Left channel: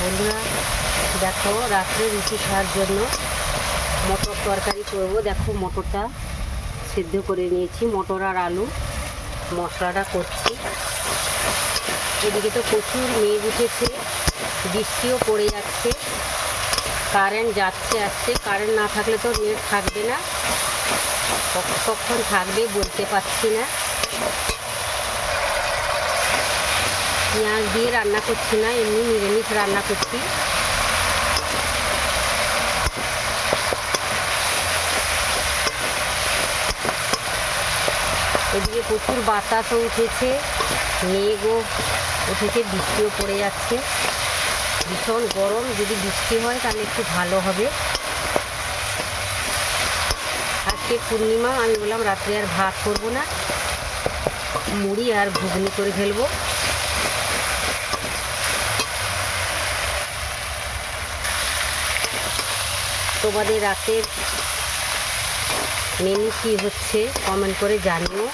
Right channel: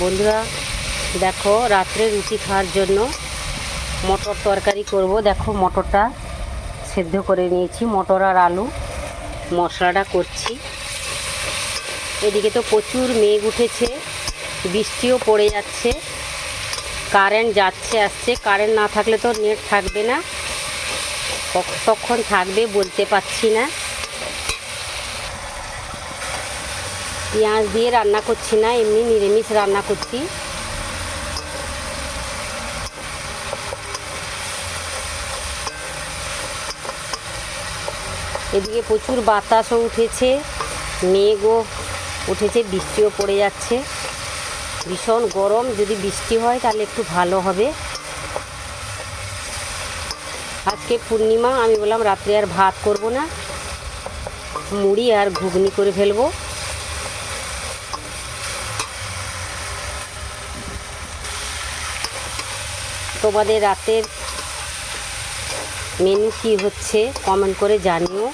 বন্ধুরা দেখো, রাত্রে রুটি খাওয়ার জন্য মটর তরকারি করব। দেখো মটরটা সেদ্ধ করে নিয়েছি, মটর আর আলু মশলাটা করছি। এদিকে তো প্রচুর মেঘ উঠেছে, বৃষ্টিও পড়ে যাচ্ছে, কারেন্ট যাচ্ছে আসছে। কারেন্ট না থাকলে তো নেট থাকবে না, কখন থাকবে বলতে পারছি না। পেঁয়াজ দিয়ে রান্না করছি না, এমনি নিরামিষ রান্না করছি। এদিকে প্রচুর বাতাসও উঠেছে, মেঘও উঠেছে, বৃষ্টিও পড়ে যাচ্ছে। ভীষণ গরম, যদি বৃষ্টি হয় তাহলে একটু ভালো হবে। আজকে পূর্ণিমা, আমি বললাম রাত্রে আর ভাত করব না, মুড়ি আর ঘুগনি করে ফেলবো। তোমাদের রাতের মেনু কী হচ্ছে কমেন্ট করে জানিও।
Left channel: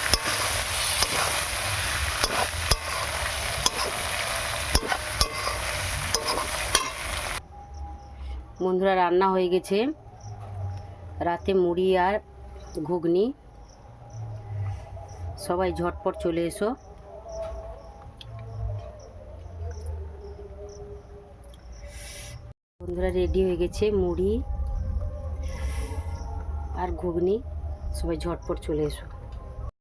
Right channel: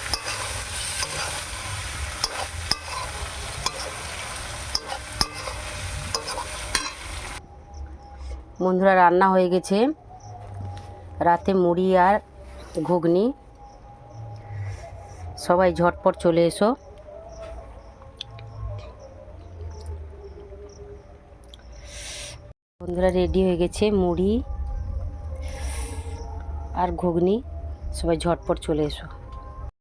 বন্ধুরা রান্না হয়ে গেছে, রাতে মুড়ি আর ঘুগনি। সবাই ঝটপট চলে এসো। বন্ধুরা রেডি হয়ে গেছে মুড়ি আর ঘুগনি, সবাই ঝটপট চলে এসো।